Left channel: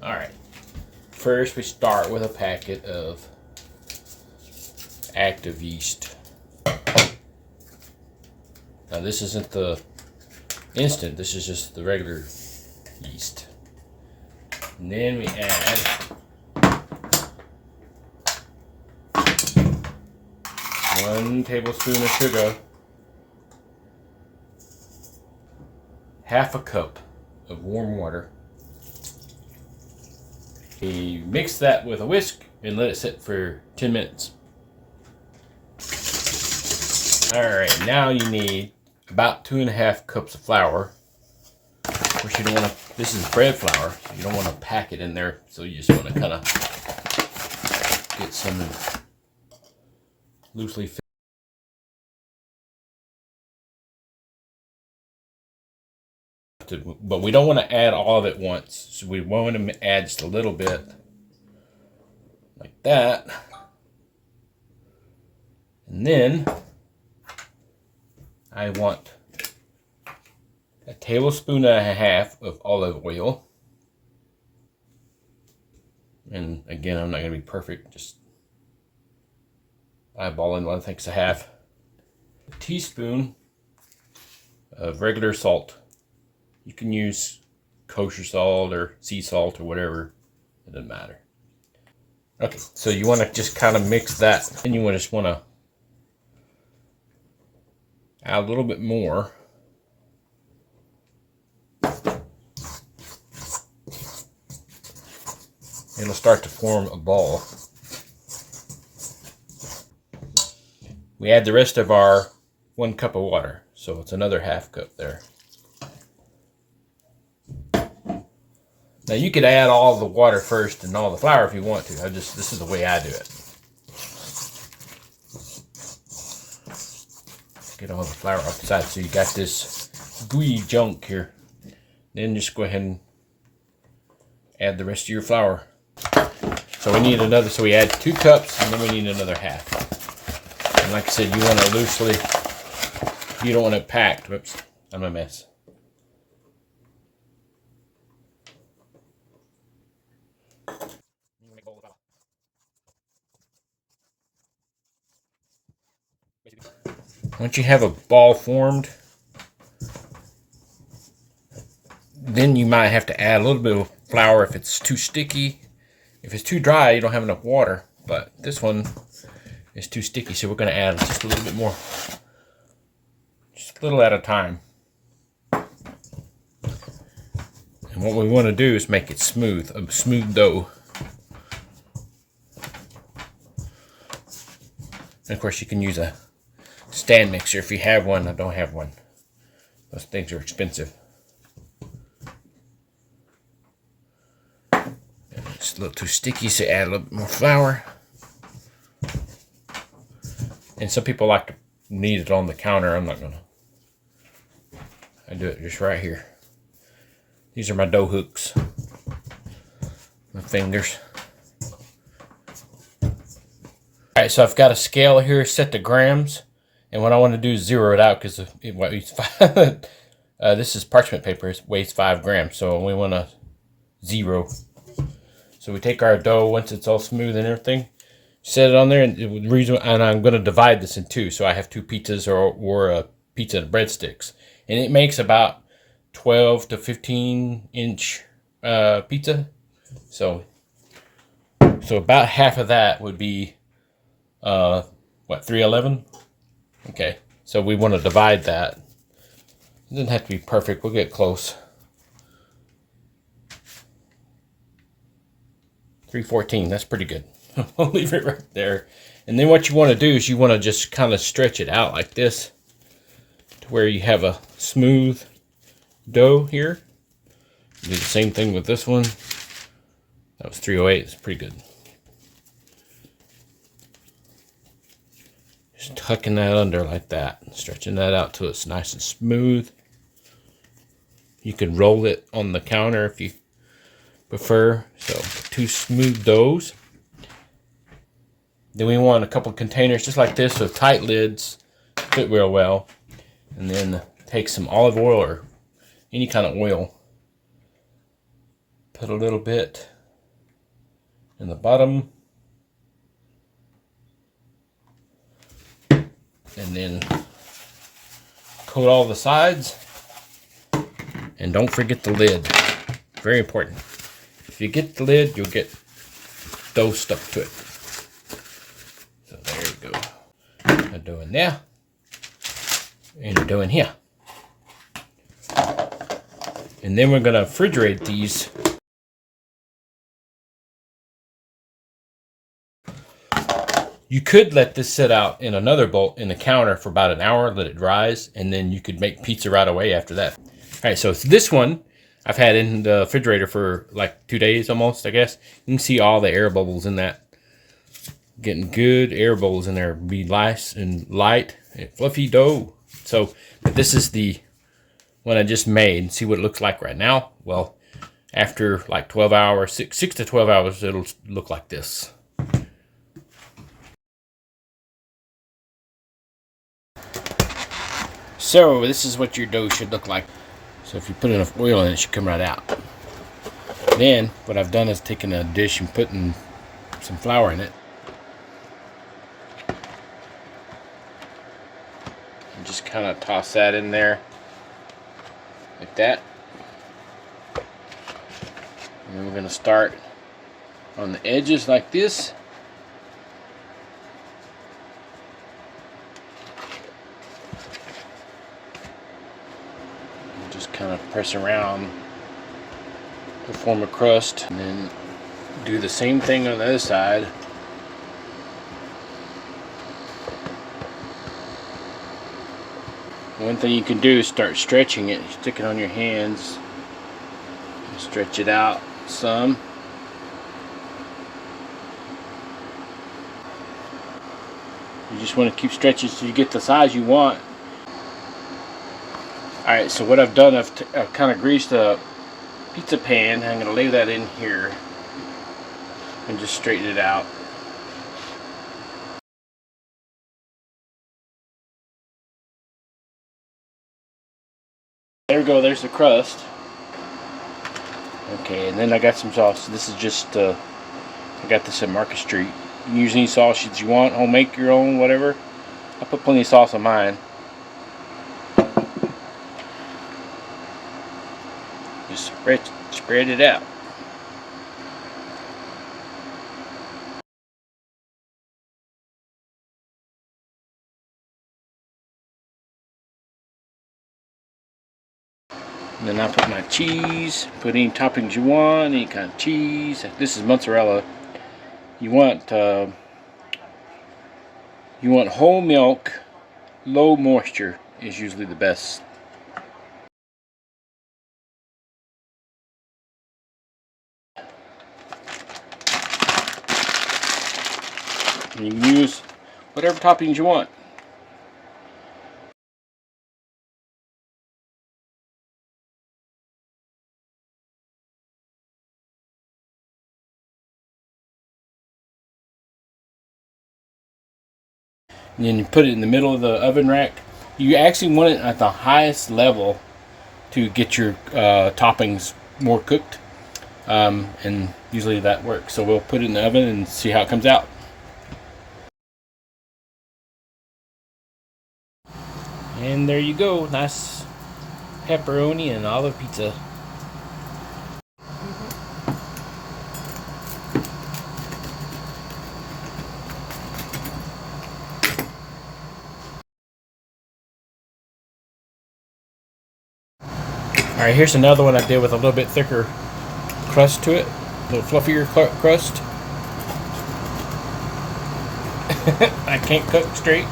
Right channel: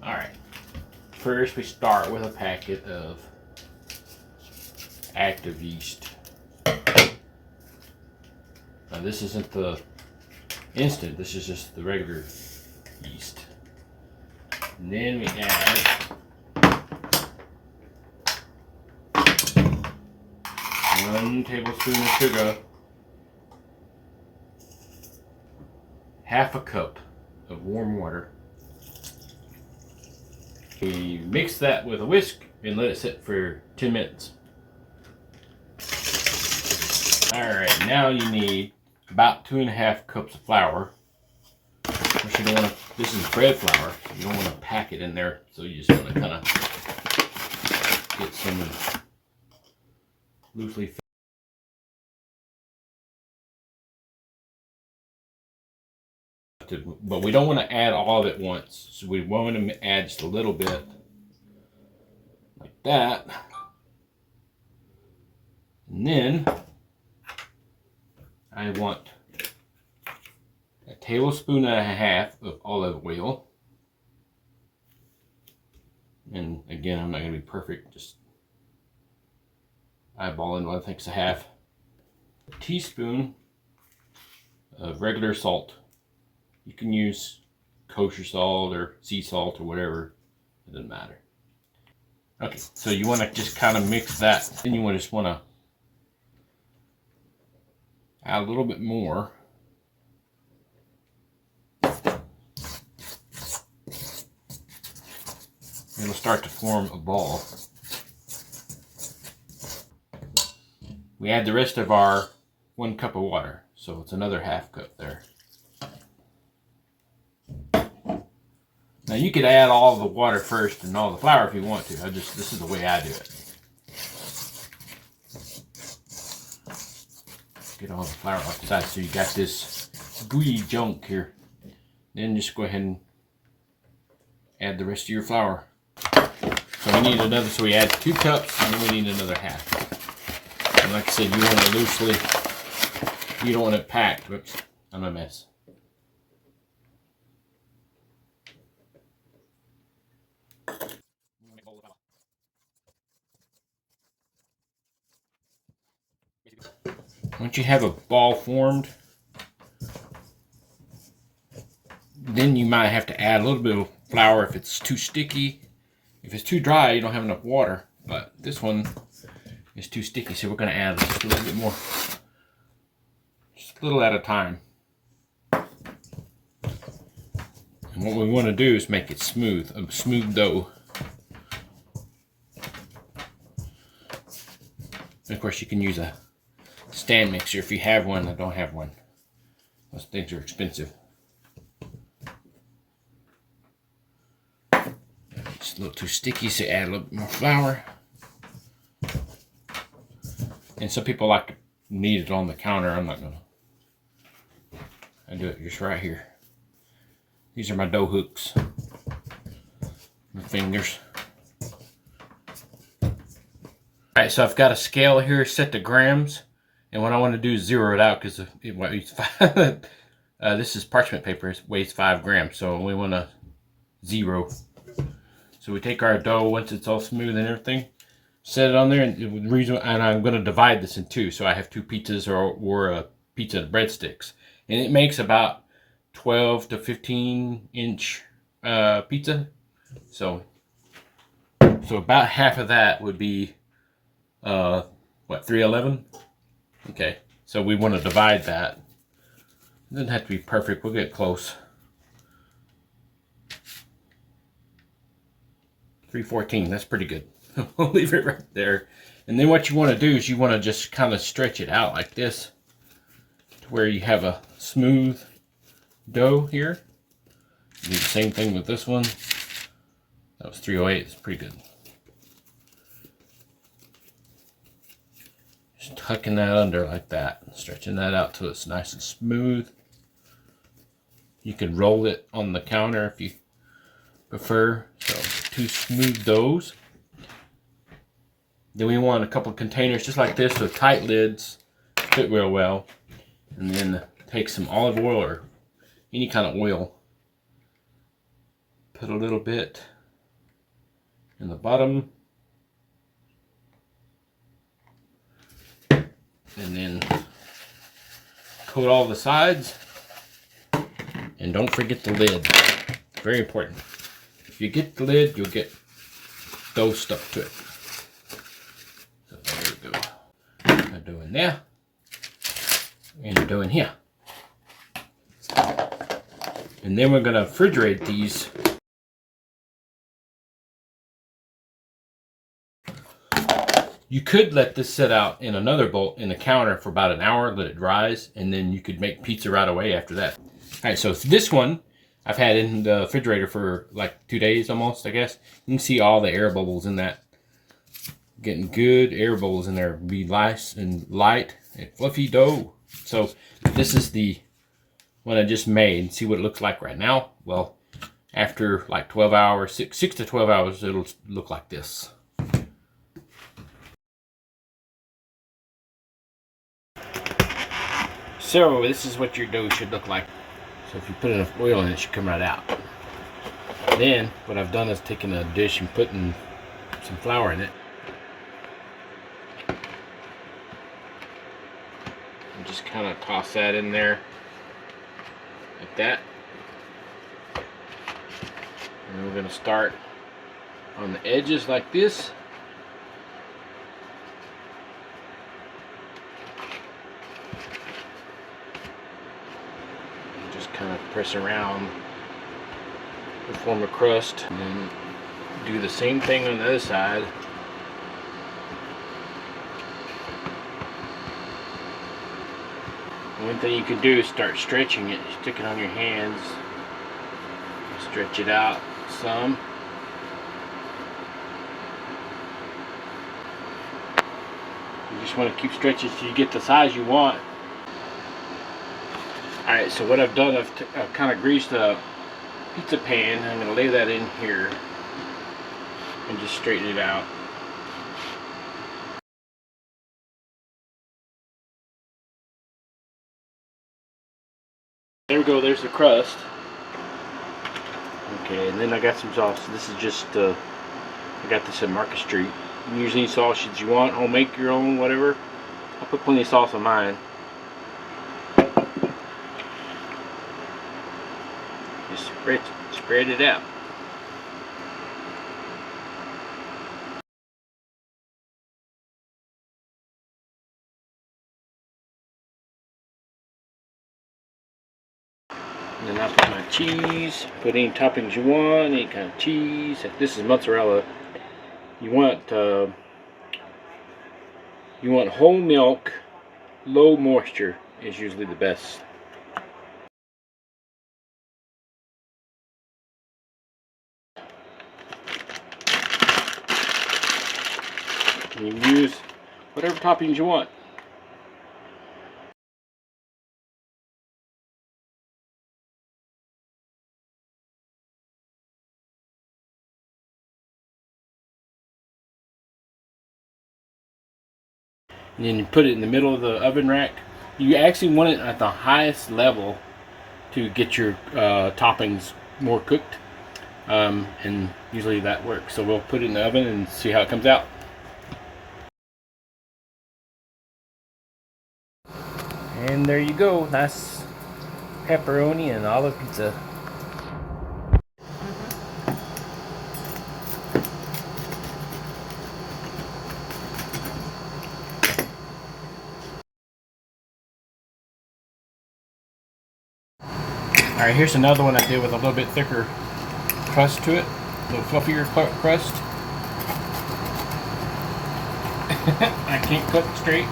Alright, first we start with a packet of active yeast. Now this isn't the instant, this is just the regular yeast. And then we add 1 tablespoon of sugar, 1/2 cup of warm water. We mix that with a whisk and let it sit for 10 minutes. Alright, now you need about 2.5 cups of flour. Of course, you don't want to, this is bread flour, so you don't want to pack it in there, so you just want to kind of get some loosely filled. But we don't want to add all of it once, so we want to add just a little bit like that, and then I want 1.5 tablespoons of olive oil, and again, I'm not going to be perfect, just eyeballing what I think's a 1/2 teaspoon of regular salt. You can use kosher salt or sea salt or whatever. It doesn't matter. Okay, so you want to just kind of mix that. Then you just want to add a little bit more. It'll start to form a ball. We add the rest of our 1 cup of water. So it's another 1/2 cup there. Now you could add all the water first and all the flour if you want to. This is the way I do it. Get all the flour off the side so you got this gooey junk here. Then just go ahead and add the rest of your flour. So we need another, so we add 2 cups and then we need another 1/2. And like I said, you want it loosely, you don't want it packed. Whoops, I'm a mess. Once you have a ball formed, then you might have to add a little bit of flour if it's too sticky. If it's too dry, you don't have enough water. But this one is too sticky, so we're going to add just a little bit more. Just a little at a time. And what we want to do is make it smooth, a smooth dough. And of course, you can use a stand mixer if you have one. I don't have one. Those things are expensive. It's a little too sticky, so add a little bit more flour. And some people like to knead it on the counter. I'm not gonna. I do it just right here. These are my dough hooks. My fingers. Alright, so I've got a scale here set to grams. And what I want to do is zero it out because it weighs 5. This is parchment paper. It weighs 5 grams. So we want to zero. So we take our dough once it's all smooth and everything, set it on there, and I'm going to divide this in 2. So I have 2 pizzas or a pizza and breadsticks. And it makes about 12 to 15 inch pizza. So about half of that would be, 311? Okay, so we want to divide that. It doesn't have to be perfect. We'll get close. 314, that's pretty good. We'll leave it right there. And then what you want to do is you want to just kind of stretch it out like this to where you have a smooth dough here. Do the same thing with this one. That was 308, it's pretty good. Just tucking that under like that, stretching that out till it's nice and smooth. You can roll it on the counter if you prefer. So 2 smooth doughs. Then we want a couple containers just like this with tight lids, fit real well. And then take some olive oil or any kind of oil. Put a little bit in the bottom. And then coat all the sides. And don't forget the lid. Very important. If you get the lid, you'll get dough stuck to it. So there you go. I'm doing there. And doing here. And then we're going to refrigerate these. You could let this sit out in another bowl in the counter for about an hour, let it dries, and then you could make pizza right away after that. All right, so this one I've had in the refrigerator for like 2 days almost, I guess. You can see all the air bubbles in that. Getting good air bubbles in there. Be nice and light and fluffy dough. So this is the one I just made. See what it looks like right now? Well, after like 12 hours, 6 to 12 hours, it'll look like this. So this is what your dough should look like. So if you put enough oil in it, it should come right out. Then what I've done is taken a dish and putting some flour in it. And just kind of toss that in there like that. And we're going to start on the edges like this. Kind of press around to form a crust, and then do the same thing on the other side. One thing you can do is start stretching it. Stick it on your hands, stretch it out some. You just want to keep stretching so you get the size you want. Alright, so what I've done, I've kind of greased a pizza pan. I'm going to lay that in here and just straighten it out. There we go, there's the crust. Okay, and then I got some sauce. This is just, I got this at Market Street. You can use any sauces you want, home make your own, whatever. I put plenty of sauce on mine. Just spread it out. And then I put my cheese. Put any toppings you want, any kind of cheese. This is mozzarella. You want whole milk, low moisture is usually the best. And you can use whatever toppings you want. And then you put it in the middle of the oven rack. You actually want it at the highest level to get your toppings more cooked. And usually that works. So we'll put it in the oven and see how it comes out. And there you go, nice pepperoni and olive pizza. Alright, here's another one I did with a little bit thicker crust to it, a little fluffier crust. I can't cook straight.